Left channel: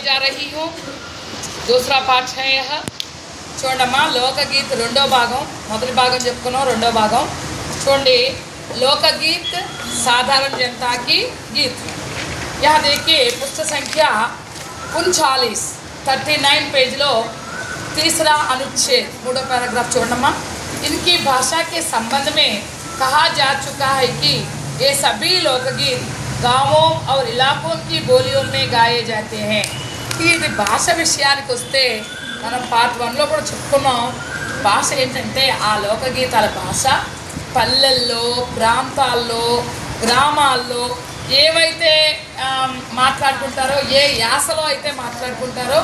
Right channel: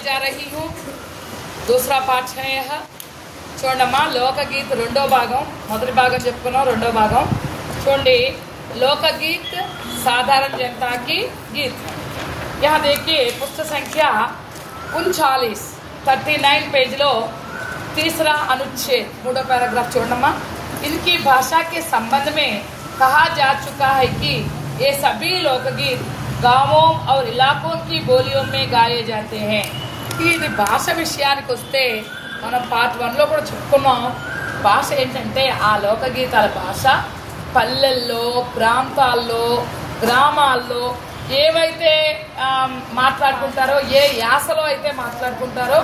जा रही हूँ। दूसरा पाठ है यह చూడమ్మా లోకగీత్ రెండో భాగం మొదటి భాగం చెప్పుకున్నాం రెండో భాగం చూడండి लोकगीत साधारण जनता की गीत। यहाँ देखिए पुस्तक संख्या 39 पेज लो तीसरा अनुच्छेद मूडो पैराग्राफ చూడమ్మా। इनकी भाषा के संबंध में कहा जा चुका है कि ये सभी लोकगीत गाँवों और इलाकों की बोलियों में गाए जाते हैं। ఇది భాష విషయానికి వస్తే మనం పార్ట్ 1లో కూడా చెప్పుకున్నాం। భాష ఏంటంటే ఆ లోకగీతాల భాష పల్లెల్లో ప్రాంతాల్లో గ్రామాల్లో ఏవైతే మాట్లాడుకుంటారో ఏ యాసలో అయితే మాట్లాడుకుంటారో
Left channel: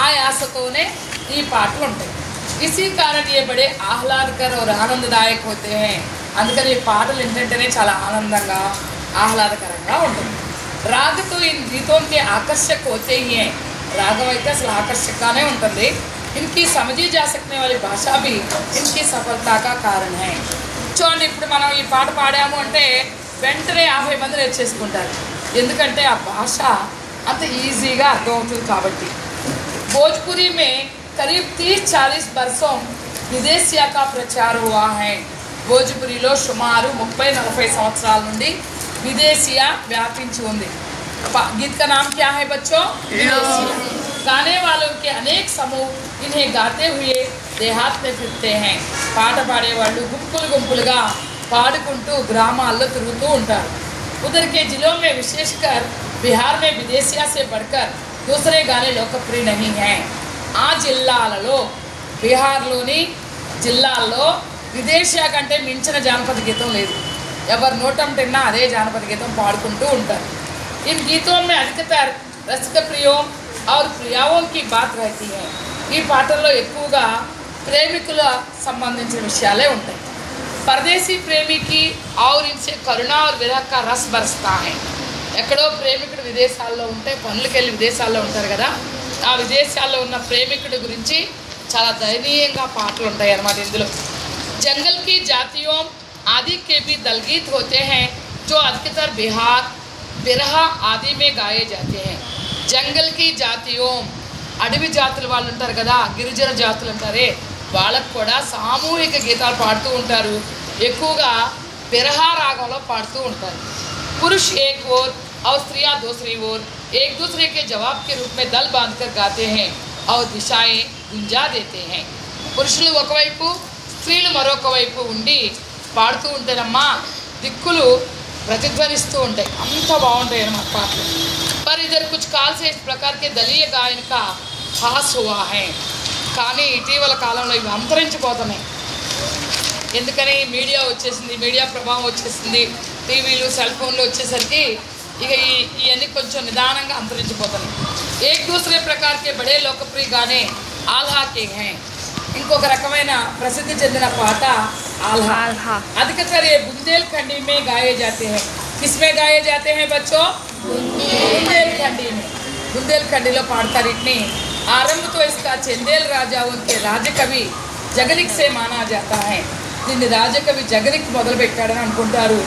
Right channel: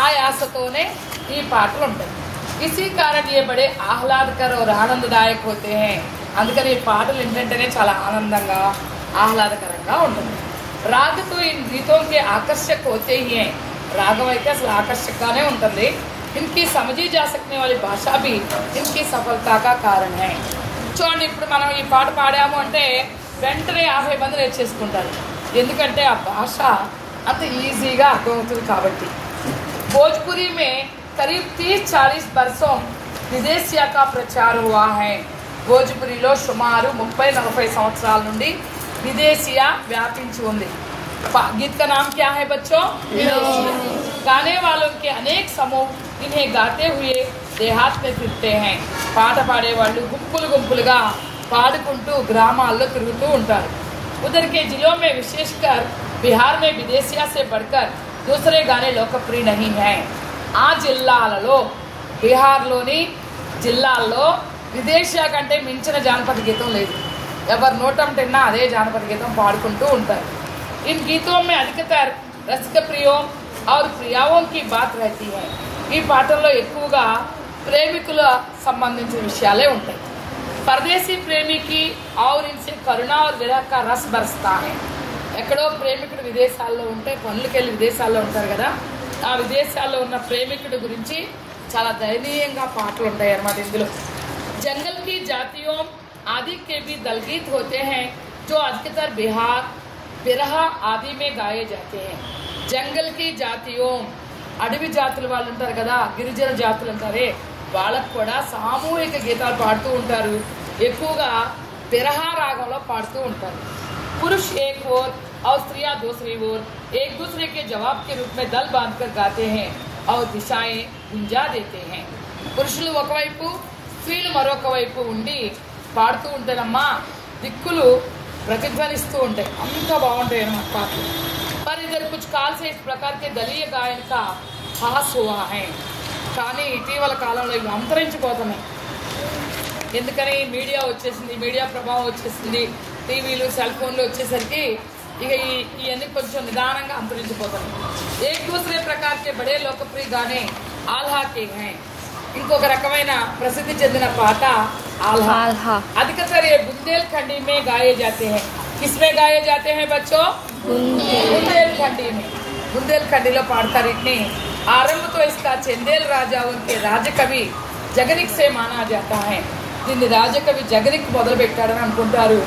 ఆ యాసతోనే ఈ పాటలు ఉంటాయి। इसी कारण ये बड़े ఆహ్లాదకర और ఆనందదాయక होते हैं। అందుకని ఈ పాటలు ఏంటంటేనే చాలా ఆనందంగా ఆహ్లాదకరంగా ఉంటుంది। राग तो इन गीतों के आकर्षक होते ही हैं। रागम అయితే అసలు ఆకర్షకంగానే ఉంటుంది। इनकी समझी जा सकने वाली भाषा भी इनकी सफलता का कारण है। చూడండి ఇప్పుడు మనం ఈ పాట పాడాము అంటే వెంటనే 50 మంది నేర్చేసుకుంటారు, ఎందుకంటే ఆ భాష అంత ఈజీగా అర్థమవుతుంది కాబట్టి। भोजपुरी में करीब 30-40 वर्षों विदेशिया का प्रचार हुआ है। భోజ్పురిలో సుమారు 30-40 సంవత్సరాల నుండి विदेशिया व्यापिंची ఉంది। गीत का नाम क्या है बच्चों? गाने वालों के अनेक समूह इन्हें गाते हुए देहात में फिरते हैं। పాట పాడేవాళ్ళు గుంపులు గుంపులుగా పాడుకుంటూ గ్రామాల్లో తిరుగుతూ ఉంటారు। उधर के जिलों में विशेषकर बिहार में विदेशिया से बढ़कर दूसरे गाने लोकप्रिय नहीं हैं। ఆ జిల్లాలలో బీహార్లోని జిల్లాల్లో విదేశీయ కంటే మించిన జానపద గీతం లేదు। ఎవరు నోటం తిన్నా అదే జానపద గీతం పాడుకుంటూ ఉంటారు। इन गीतों में अधिकतर रसिक प्रियों और प्रियाओं की बात रहती है। ఈ పాటల్లో ఎక్కువగా ప్రేమికుల సంబంధించిన విషయాలే ఉంటాయి। परदेसी प्रेमी की और इनसे करुणा और विरह का रस बरसता है। ఎక్కడో ప్రేమికుడు విదేశాల్లో ఉంటే పనులకు వెళ్ళి విదేశాల్లో ఉంటారు కదా, ఆ విదేశాల్లో ఉన్న ప్రేమికుడి గురించి చాలా దయనీయంగా పాటలు ఉంటాయి అన్నమాట ఇందులో। जंगल की जातियों आदि के भी दलगीत होते हैं जो अधिकतर बिहार बिरहा आदि में गाए जाते हैं। जंगल की जातियों అడవి జాతుల వాళ్ళు ఉంటారు కదా, గిరిజన జాతులు ఉంటారే, వాళ్ళకు కూడా సామూహిక గీతాలు పాడుతూ ఉంటారు। ఎక్కువగా బిరహా రాగంలో పాడుతూ ఉంటారు। पुरुष एक ओर और स्त्रियां दूसरी ओर एक दूसरे के जवाब के रूप में दल बांधकर गाते हैं और दिशाएं गुंजा देते हैं। పురుషులు ఒకవైపు స్త్రీలు మరొక వైపు ఉండి పాడుతూ ఉంటారమ్మా, దిక్కులు प्रतिध्वनिस्तू ఉంటాయి, అంత బాగుంటాయి అన్నమాట పాటలు। पर इधर कुछ काल से इस प्रकार के दलीय गायन का హాస్ हुआ है। కానీ ఇటీవల కాలంలో ఇవి అంతరించిపోతున్నాయి। ఎందుకని మీడియా వచ్చేసింది, మీడియా ప్రభావం వచ్చేసింది, టీవీలు సెల్ ఫోన్లు వచ్చేసరికి ఇక ఇవన్నీ కొంచెం నిదానంగా అంతరించిపోతాయి। एक दूसरे प्रकार के बड़े लोकप्रिय गाने आल्हा के हैं। ఇంకొక రకమైన ప్రసిద్ధి చెందిన పాట आल्हा। अधिकतर ये बुंदेलखंडी में गाए जाते हैं। किसमें गाए जाते हैं बच्चों? बुंदेलखंडी में। बुंदेलखंडीలో పాడతారు इतनी। आरंभ तो इसका चंदेल राजा उनके राजकवि जगनिक से माना जाता है। దీన్ని రాజకవి జగనిక్ మొదలుపెట్టాడని అనుకుంటారు।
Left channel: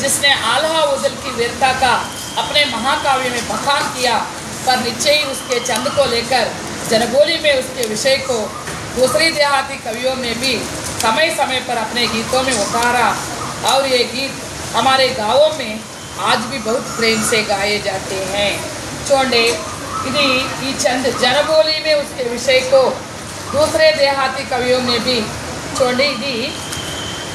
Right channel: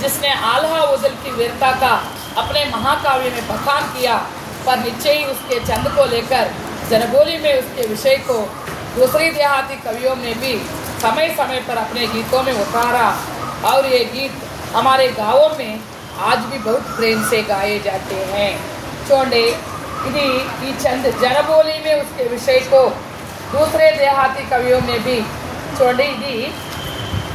जिसने आल्हा उजल की वीरता का अपने महाकाव्य में बखान किया, पर निश्चय ही उसके चंद को लेकर जनबोली में उसके विषय को दूसरी देहाती कवियों ने भी समय समय पर अपने गीतों में उतारा और ये गीत हमारे गाँवों में आज भी बहुत प्रेम से गाए जाते हैं। చూడండి ఇది ఈ చంద్ जनबोली में उसके विषय को दूसरे देहाती कवियों ने भी చూడండి ఇది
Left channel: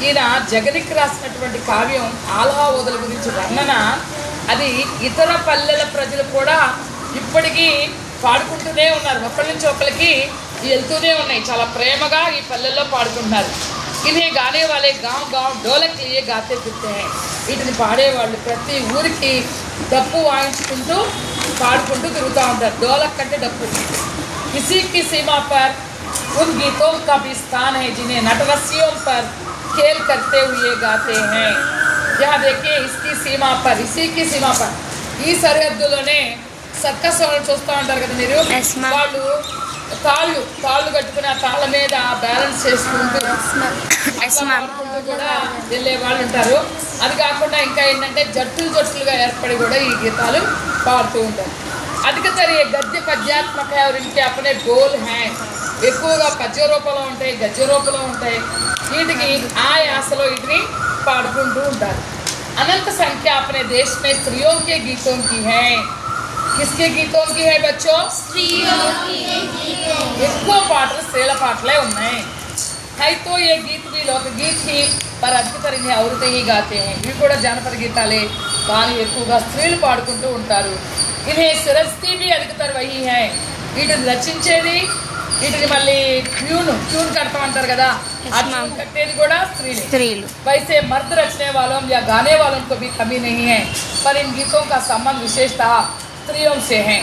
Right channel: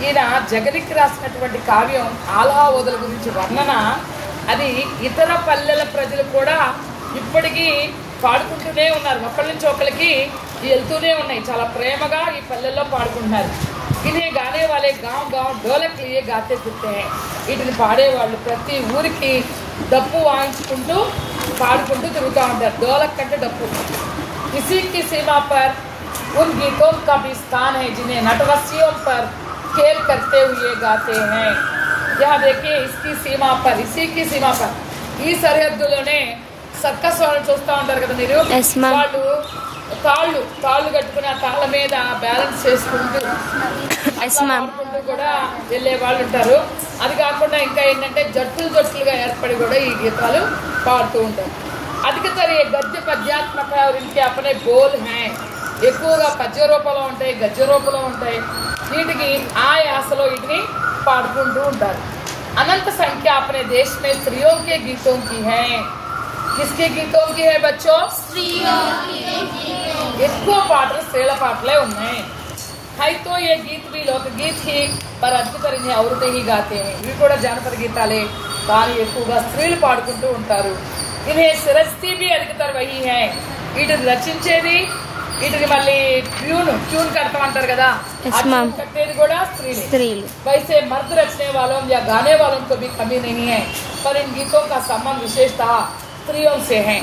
ఈయన జగనిక్ రాసినటువంటి కావ్యం ఆల్హా ఓదల గురించి వర్ణన, అది ఇతర పల్లెల ప్రజలు కూడా ఇప్పటికీ పాడుకుంటూనే ఉన్నారు। ఒకరి నుంచి ఒకరికి వెళ్తూనే ఉన్నాయి, చాలా ప్రేమగా ఈ పల్లెల్లో పాడుకుంటున్నారు। ఇదే గానే వాళ్ళే గాం గాం ढोलक लिए गाते फिरते हैं। వీటిని పాడేవాళ్ళు ప్రతి ఊరికి డప్పు వాయించుకుంటూ పాడుకుంటూ తిరుగుతూ ఉంటారు। ढोलक అంటే డప్పు। इसी की सीमा पर उन गीतों का भी स्थान है जिन्हें नटरस्सियों पर खेल करते हुए गाते हैं। यहाँ देखिए इसकी सीमा पर, इसी की सीमा पर ఈ సరిహద్దులోనే సర్కస్ వాళ్ళని చూస్తూ ఉంటారు కదా మీరు, వాళ్ళు తాళ్ళు కట్టుకుని ఆ తాళ్ళ మీద బ్యాలెన్స్ చేసుకుంటూ కూడా వెళ్ళే వాళ్ళు ఉంటారు। అది కాకుండా ఇంకా ఏంటంటే జట్టులుగా ఏర్పడి కూడా ఈ గీతాలు పాడుతూ ఉంటారు। अधिकतर चलिए गद्य पद्यात्मक है और इनके अपने गोल हैं ఎక్కువగా పద్య రూపంలో ఉంటాయి గద్య రూపంలో ఉంటాయి వీటికి ఆ యాసలో వీటిని పాడుకుంటూ ఉంటారు अनंत संख्या अपने देश में स्त्रियों के गीतों की है किसके गीतों की है बच्चों स्त्रियों के गीतों ఎక్కువ పాటలు స్త్రీల పాటలే ఉన్నాయి है तो ये गीत भी लोकगीत ही पर अधिकतर इन्हें औरतें ही गाते हैं ఇవి కూడా జానపద గీతాలే కానీ ఎక్కువగా స్త్రీలు పాడుకుంటూ ఉంటారు इन्हें सिरस्ती भी अधिकतर वही है వీటిని రచించేది వీటిని మళ్ళీ ट्यून करता अंटाరు కదా ఆ ట్యూన్ కట్టేది కూడా స్త్రీలు वैसे मर्द रचने वालों या गाने वालों को भी कमी नहीं है पर इन गीतों का संबंध विशेषतः स्त्रियों से है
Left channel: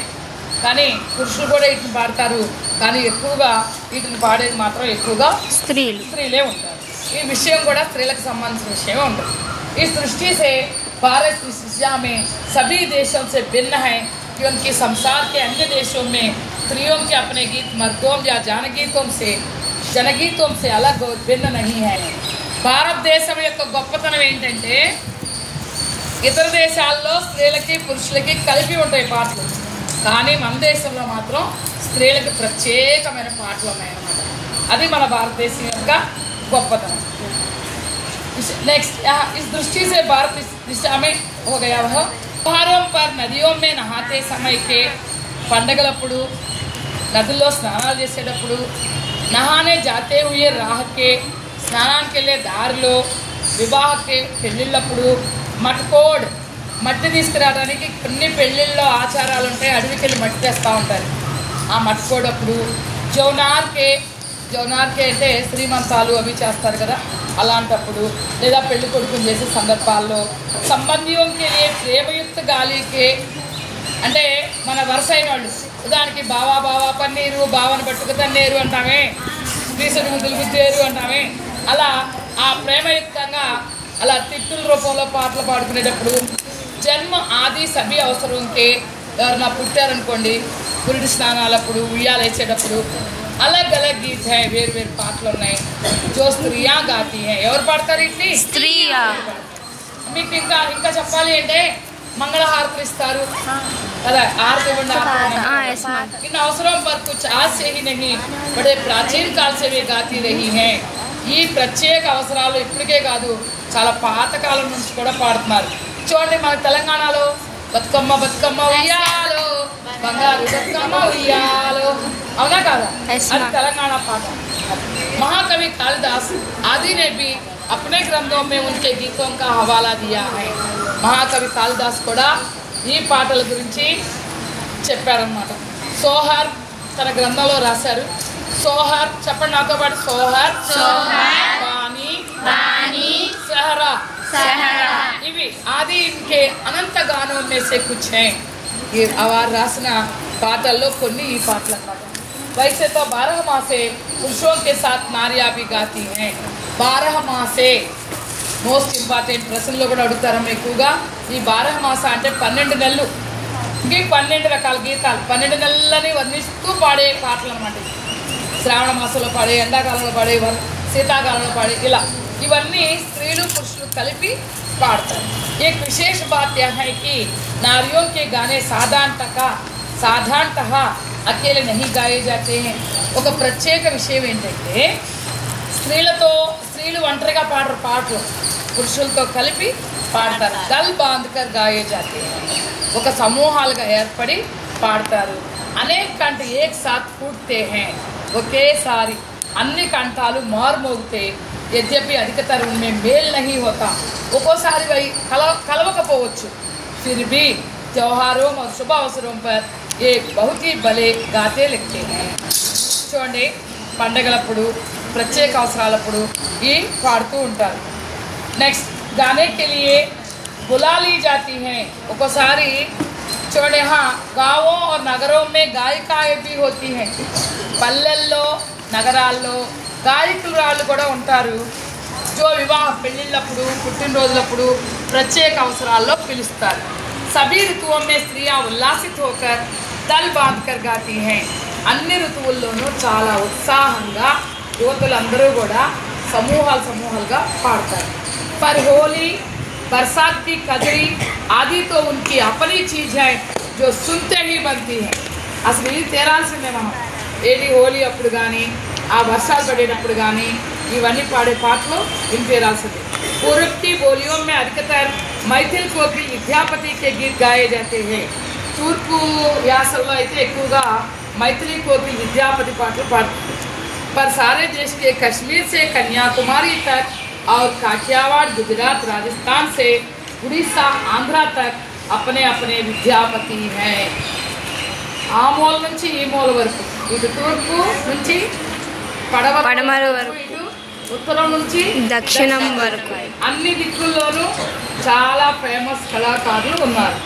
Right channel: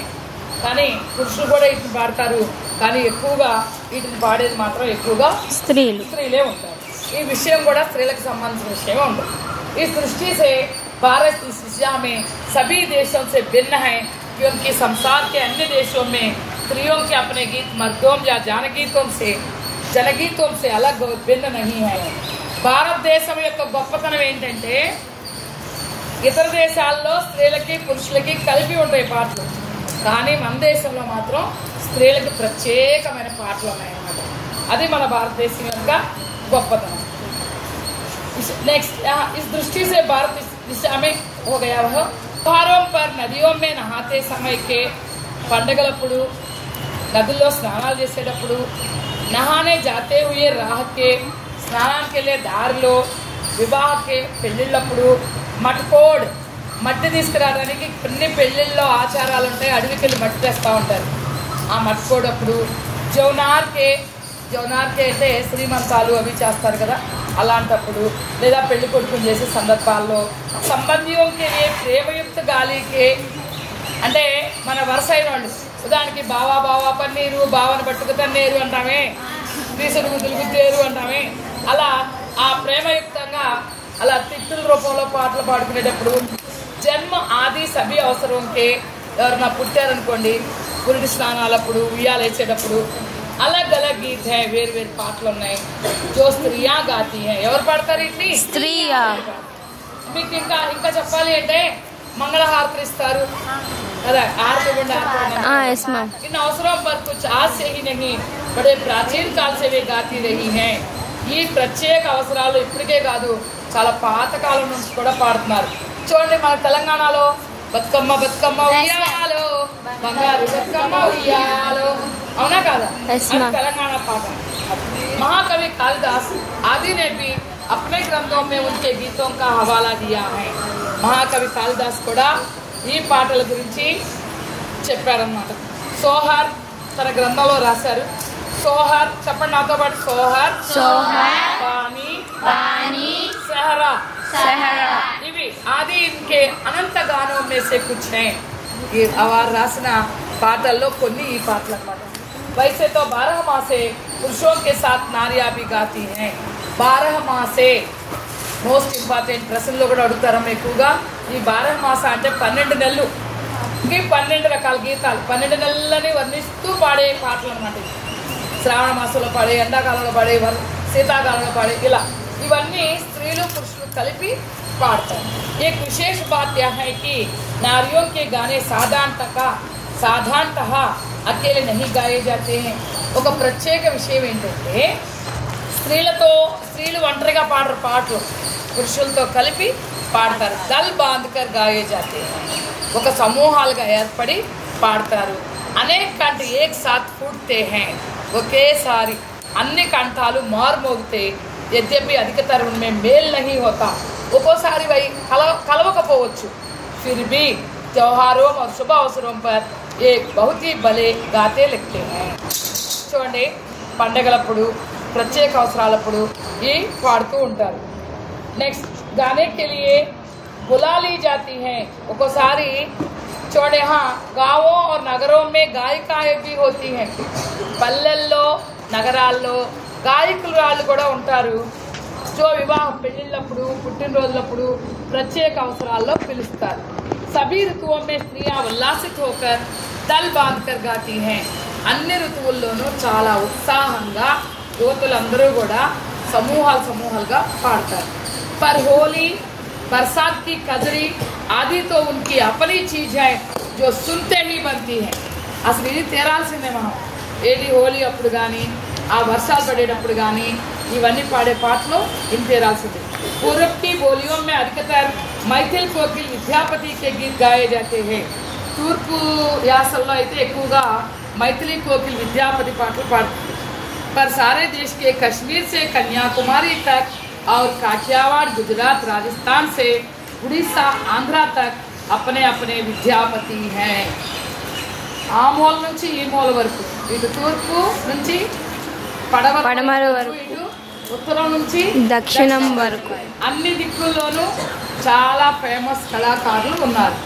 కానీ పురుషులు కూడా వీటిని పాడతారు కానీ ఎక్కువగా వీటిని పాడేది మాత్రం ఎక్కువగా స్త్రీలే ఉంటారు ఈ విషయం కూడా స్త్రీలకు సంబంధించిన విషయం ఉంది इस दृष्टि से भारत की सृष्टि में सभी देशों से भिन्न है क्योंकि संसार के अन्य देशों में स्त्रियों के अपने गीत मर्दों या जनगीतों से अलग और भिन्न नहीं है భారతదేశం యొక్క గొప్పతనం ఏంటంటే ఇతర దేశాల్లో స్త్రీలకి పురుషులకి కలిపి ఉంటాయి పాటలు కానీ మన దేశంలో మాత్రం స్త్రీలకు ప్రత్యేకమైన పాటలు ఉన్నాయన్నమాట అది మన భారతదేశం యొక్క గొప్పతనం नेक्स्ट इस दृष्टि से भारत इस दिशा में हो गया वह त्योहारों पर नदियों में नहाते समय के पंडगलప్పుడు నదుల్లో స్నానాలు చేసేటప్పుడు నహానే जाते हुए राह के స్నానానికి వెళ్ళే దారిలో వివాహకే పెళ్ళిళ్ళప్పుడు మట్కోడ్ మట్టి తీసుకురావడానికి కొన్ని పెళ్ళిళ్ళలో ఆచారాలు ఉంటాయి అడవికి వెళ్ళి మట్టి తెస్తూ ఉంటారు ఆ మట్కోడప్పుడు జౌనార్కే అంటే శ్రీమంతాలు అవి చేస్తారు కదా అలాంటప్పుడు లేదా పెళ్లి కొడుకుని చేసే సందర్భాల్లో సంబంధింకే ప్రేమయుక్త గాలికి అంటే మన వరుస అయిన వాళ్ళు దానికి బావా పన్నీరు బావను పట్టుకు తన్నేరు అంటామే తీసుకు పిలిపిస్తేరు అంటామే అలా ఆ ప్రేమయుక్తంగా అలా తిట్టుల రూపంలో పాటలు పాడుకునేటప్పుడు జన్మ ఆది సభ్య అవసరంకే ఎవరైనా పుట్టారనుకోండి పురుడి స్నానాలప్పుడు ఉయ్యాలు వేసేటప్పుడు अलग अलग गीत है వేరు వేరు పాటలు ఉన్నాయి जो स्त्रियां गाती हैं ఎవరు పాడతారు ఇట్లా స్త్రీయా మీకు ఇంకా చెప్పాలి అంటే మంగళహారతి ఇస్తారు కదా ఆరతి इन अवसरों पर कुछ आज से ही नहीं बड़े प्राचीन काल से वे गाती रही हैं ఈ ప్రత్యేక అవసరాలు ఇప్పటికే కాదు చాలా పాత కాలం నుంచి కూడా పాడుతున్నారు చూడండి మన తెలంగాణలో బతుకమ్మ ఉయ్యాలో బంగారు బతుకమ్మ ఉయ్యాలో అవునా కాదా तेलंगाना पाठ महाकवि कालिदास आदि ने भी अपने ग्रंथों में उनके गीतों का हवाला दिया है महाकवि कालिदास కూడా ఈ పాటల గురించి చెప్పారన్నమాట సోహర్ తన గ్రంథంలో రాశారు సోహర్ చెప్పండి నాతో పాటు సోహర్ बानी सहरा ఇవి आदि इनके अनंत गानों में से कुछ हैं ये వారు రాసిన పాటల్లో కొన్ని ఈ పాటలు అన్నమాట वैसे तो 12 मासे पुरुषों के साथ नारियां भी गाती हैं 12 मासे మోస్ట్ ఇంపార్టెంట్ ప్రశ్నలు కూడా అడుగుతారు ఎక్కువగా ఈ 12 మాస అంటే 12 నెలలు ఈ 12 రకాల గీతాలు 12 నెలలని వర్ణిస్తూ పాడే పాటలు అన్నమాట శ్రావణ మాసంలో పాడే ఎండాకాలంలో పాడే శీతాకాలంలో పాడే ఇలా ఇవన్నీ స్త్రీలు పురుషులు కలిపి పాడతారు एक विशेष बात यह है कि नारियों के गाने साधारणतः अकेले नहीं गाए जाते हैं ఒక ప్రత్యేక విషయం ఏంటంటే స్త్రీలు ఒంటరిగా పాడరు పాటలు పురుషులతో కలిపి పాడతారు దల్ బాంధ్కర్ గాయే జాతే ఒక సమూహాలుగా ఏర్పడి పాడతారు అనేక కంఠ ఏక్ సాత్ ఫూట్తే హై ఒకేసారి అన్ని కంఠాలు మారుమోగుతాయి यद्यपि अधिकतर उनमें मेल नहीं होता ఒక్కోసారి కలవకపోవచ్చు फिर भी त्योहारों और शुभ अवसरों पर ये बहुत ही भले गाते लगते हैं చూడండి పండగలప్పుడు ప్రత్యేక అవసరాలప్పుడు ఈ పాడుతూ ఉంటారు నెక్స్ట్ गाने के लिए बुला ली जाती हैं ఒక్కోసారి చూడండి गाँवों और नगरों में गायिकाएं भी होती हैं పల్లెల్లో నగరాల్లో గాయకురాళ్ళు కూడా ఉంటారు जो వివాహ పెళ్ళిళ్ళప్పుడు పుట్టినరోజులప్పుడు ప్రత్యేక అవసరాల్లో పిలుస్తారు सभी ऋतुओं में स्त्रियां उल्लासित होकर दल बांधकर गाती हैं అన్ని ఋతువుల్లోనూ చాలా ఉత్సాహంగా యువతులందరూ కూడా సమూహాలుగా పాడతారు पर होली बरसात की कजरी आदि तो उनकी अपनी चीज है जो सुनते ही बनती है। అసలు ఇది తేరాల్సిందే మనం ఏది హోలీ అప్పుడు కానీ ఆ వర్షాలు పడేటప్పుడు కానీ ఇవన్నీ పాడే పాటలు విని తీరాల్సిందే। पूर्व की बोलियों में अधिकतर मैथिल कोकिल विद्यापति के गीत गाए जाते हैं। తూర్పు యాసల్లో అయితే ఎక్కువగా మైథిలి కోకిల్ విద్యాపతి పాటలు పాడతారు। पर सारे देश के कश्मीर से कन्याकुमारी तक और काठियावाड़ गुजरात राजस्थान से उड़ीसा आंध्रा तक अपने अपने विद्यापति हैं। ఆ మూల నుంచి ఈ మూల వరకు ఇటు తూర్పు నుంచి పడమర వరకు ఇటు ఉత్తరం నుంచి దక్షిణం వరకు అన్ని దిక్కుల్లోనూ చాలా ఫేమస్ కళాకారులు ఉన్నారు।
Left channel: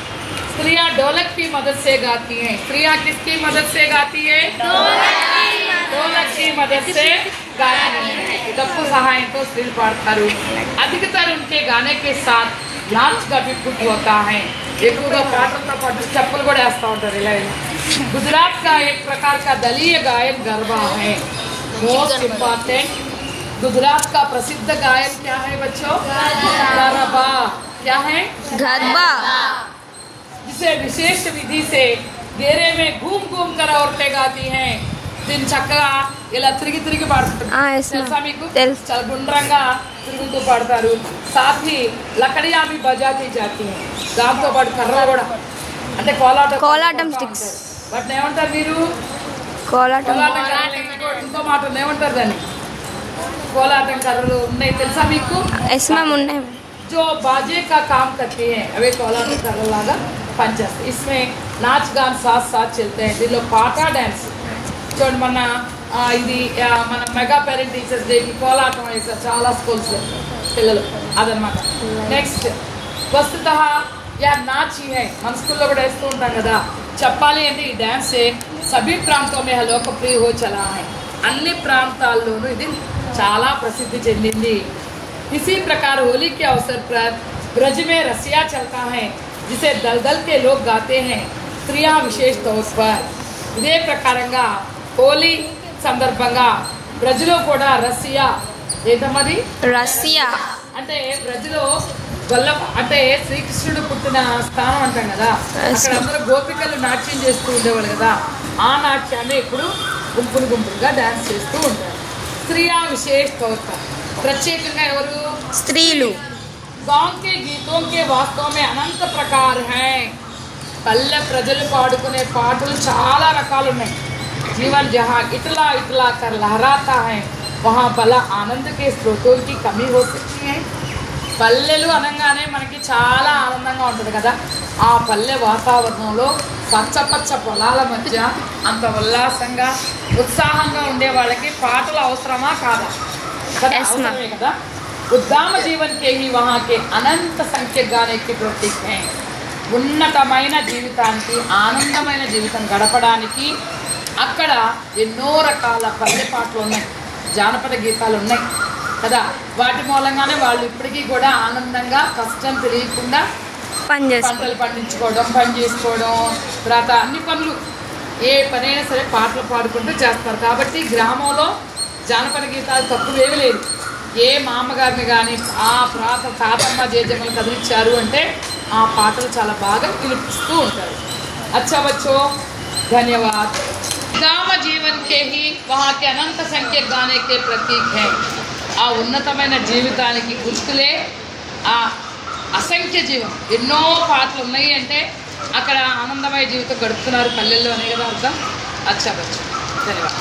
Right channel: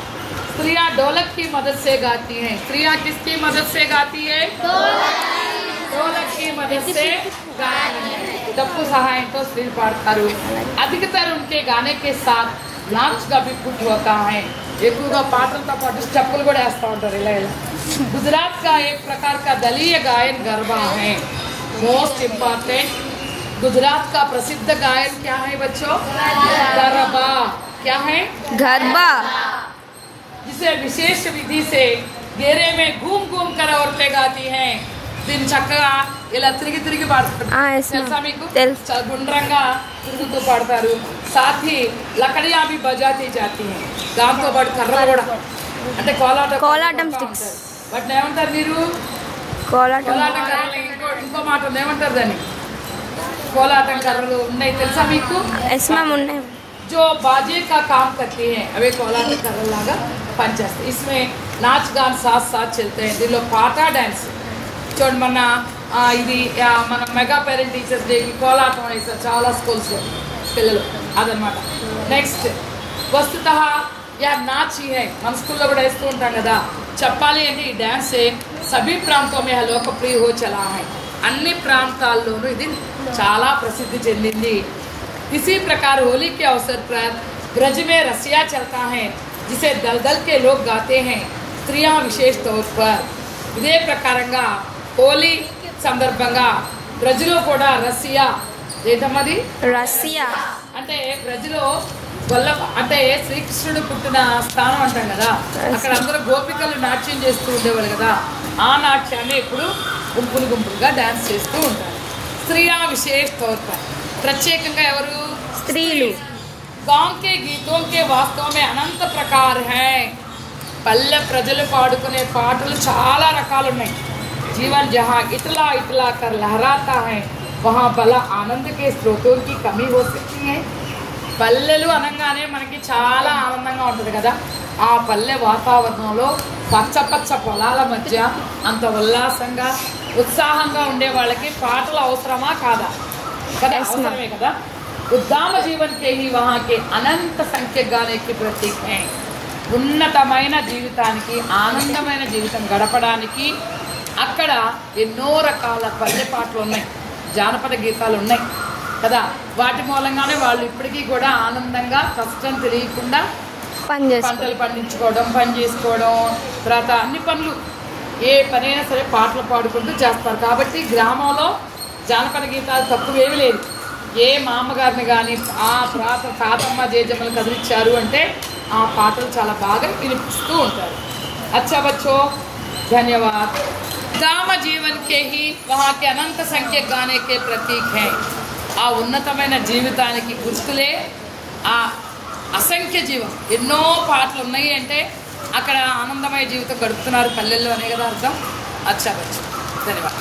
स्त्रियां ढोलक की मदद से गाती हैं। स्त्रियां किसकी मदद से गाती है? ढोलक की मदद से गाती हैं। डप्पू सहाय तो स्त्री पाड़तारू। अधिकतर उनके गाने के साथ नाच का भी कुछ होता है। ఎక్కువగా పాటలతో పాటు స్టెప్పులు కూడా వేస్తూ ఉంటారు ఇలా। गुजरात का एक प्रकार का दलीय गायन गरबा है। मोस्ट इम्पोर्टेंट गुजरात का प्रसिद्ध गायन क्या है बच्चों? गरबा। क्या है? गरबा, जिसे विशेष विधि से घेरे में घूम घूम कर औरतें गाती हैं। दिन చక్కగా ఇలా తిరిగి తిరిగి పాడుతుంటారు। తెలుసా మీకు? చాలా గుండ్రంగా తిరుగుతూ పాడతారు। साथ ही लकड़ियां भी बजाती जाती हैं। దాంతో పాటు కర్ర కూడా అంటే కోలాటం స్టిక్స్ వాటిని ఏమంటారు మీరు? కోలాటం ఇంకో మాట ఏమంటారు దాన్ని? కోలాటం కర్రలు ఉన్నాయి తెలుసా మీకు? ఉన్నాయి। जो बाजे का काम करती हैं अवे कोलाटम कर्रल लागा पनिचेस्ताయి। इसमें नाच गान साथ साथ चलते हैं। దీనిలో పాట డాన్స్ చూడండి మన ఇది మన మెగా పేరెంట్ టీచర్స్ డే కోలాటం వేస్తారు చాలా స్కూల్స్ పిల్లలు అదనమాట। నెక్స్ట్ వస్తుతः యా नाच ही है। మన స్కూల్లో కూడా వేస్తూ ఉంటాం కదా। చెప్పాలి అంటే ఈ డాన్స్ सभी प्रांतों में लोकप्रिय हो चला है। అన్ని ప్రాంతాల్లోనూ ఇది చాలా ప్రసిద్ధి చెందింది। इसी प्रकार होली के अवसर पर ब्रज में रसिया चलता है जिसे दलदल के लोग गाते हैं। स्त्रियां विशेष तौर पर इదే ప్రకారంగా హోలీ సందర్భంగా బ్రజ్లో కూడా రసియా ఏంటమ్మది? రసియా అంటే బ్రజ్లో వల్ల అంటే శ్రీకృష్ణుడు పుట్టిన స్థానం అంటాం కదా। అక్కడ అందరూ గోపికలు నాట్యం చేస్తూ ఉండేవారు కదా। ఆ నాట్యాన్ని ఇప్పుడు గుంపులు గుంపులుగా డాన్స్ చేస్తూ ఉంటారు। స్త్రియా విశేష తౌర్ పర్ ప్రత్యేకంగా ఎవరు? స్త్రీలు। गाँव के गीतों के वास्तव में अनंत प्रकार हैं। పల్లె ప్రజలు పాడుకునే పాటలు చాలా రకాలు ఉన్నాయి। जीवन जहाँ इतला इतला कर लहराता है वहाँ भला आनंद के स्रोतों की कमी हो सकती है। పల్లెలు అనగానే మనకి చాలా ఆనందంగా ఉంటుంది కదా। ఆ పల్లె వాతావరణంలో పచ్చ పచ్చ పొలాల మధ్య అంత ఉల్లాసంగా ఉత్సాహంగా ఉండే వాళ్ళకి పాటలు అవసరమా కాదా? అవసరమే కదా। ఉద్దామ జీవన్ के ही वहाँ के अनंत संख्य गाने की प्रतीक है। ఉన్నతమైన జీవితానికి ఆనందమైన జీవితం గడపడానికి అక్కడ ఎన్నో రకాల పల్లె పాటలు ఉన్నాయి, జానపద గీతాలు ఉన్నాయి కదా। వాటి మూలంగానే వాళ్ళు ఇప్పటికీ కూడా ఆనందంగా కష్టం తెలియకుండా పంటలు పండించుకోవడం, పని చేసుకోవడం, తర్వాత అన్ని పనులు ఏ పనైనా సరే పాటలు పాడుకుంటూ చేస్తారు। కాబట్టి గ్రామంలో జానపద గీతాలు తక్కువేవి లేదు। ఏ మామగారిని కానీ ఆ తాతమ్మ జేజమ్మని కదిలించారు అంటే ఆ పాటలు చాలా బాగా వినిపిస్తూ ఉంటారు। अच्छा बच्चों, धन्यवाद। गाँव जीवन के ही वहाँ के अनंत संख्य गाने के प्रतीक है। ఆ ఉన్నతమైన జీవితానికి గుర్తులే ఆ అసంఖ్య జీవం। ఎన్నో పాటలు ఉన్నాయి అంటే అక్కడ ఆనందమయ జీవితం గడుపుతున్నారు పల్లెల్లో అనే కదా అర్థం। अच्छा बच्चों, धन्यवाद।